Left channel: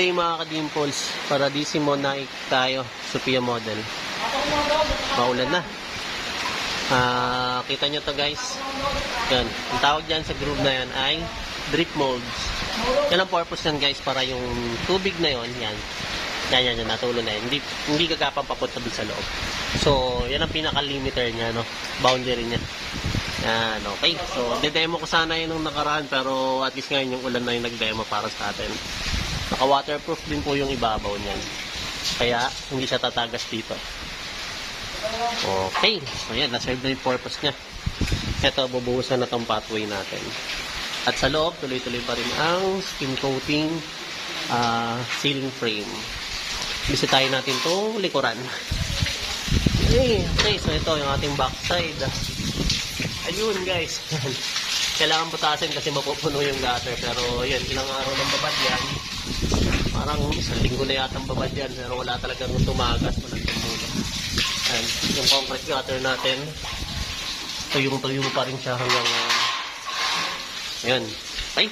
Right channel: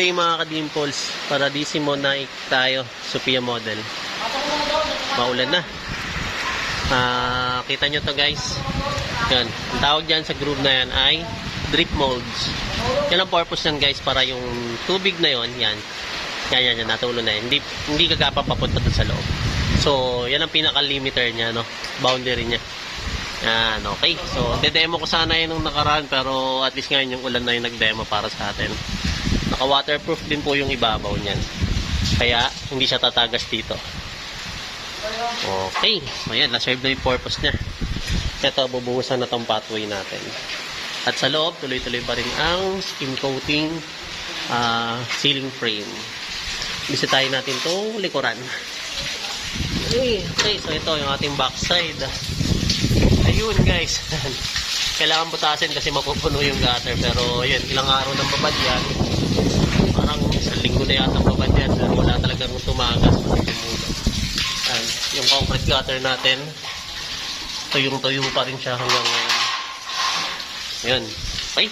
day mga ka-dimples. Para DC Monarch tayo. Sophia model. Maulan na. Kita nyo to guys. Yan. Ang tawag dyan sa groove na yan ay drip molds. Yan ang purpose yan guys. Para yung tubig na yon yan. Yan. Natulo na yan. Hindi gagapang papunta dun sa loob. So, yan ang pinaka-limiter niya, no? Boundary niya. Yan, okay. So, de-demo ko sana yun nung nakaraan, pero at least ngayon yung ulan na yung nag-demo para sa atin. Naka-waterproof din po yung ibabaw niyan. Kaya, hindi siya tatagas dito. Okay. So, yan. Na-serve na yung purpose niya. Ito, bubuhusan na tong pathway natin. At sa loob, tuloy-tuloy pa rin ang skin coating ceiling frame. Bisitahin natin itong likuran. Okay, so ito yung ating backside. Ayun guys. Kailangan butasin kasi mapupuno yung gutter. Pero yun, ilang araw ng babad yan. Parang isang linggo na yata ang babad yan. Pero wala talagang tumagas. And yung concrete gutter natin, tuyong-tuyo pa rin siya hanggang ngayon. Ayun. Okay.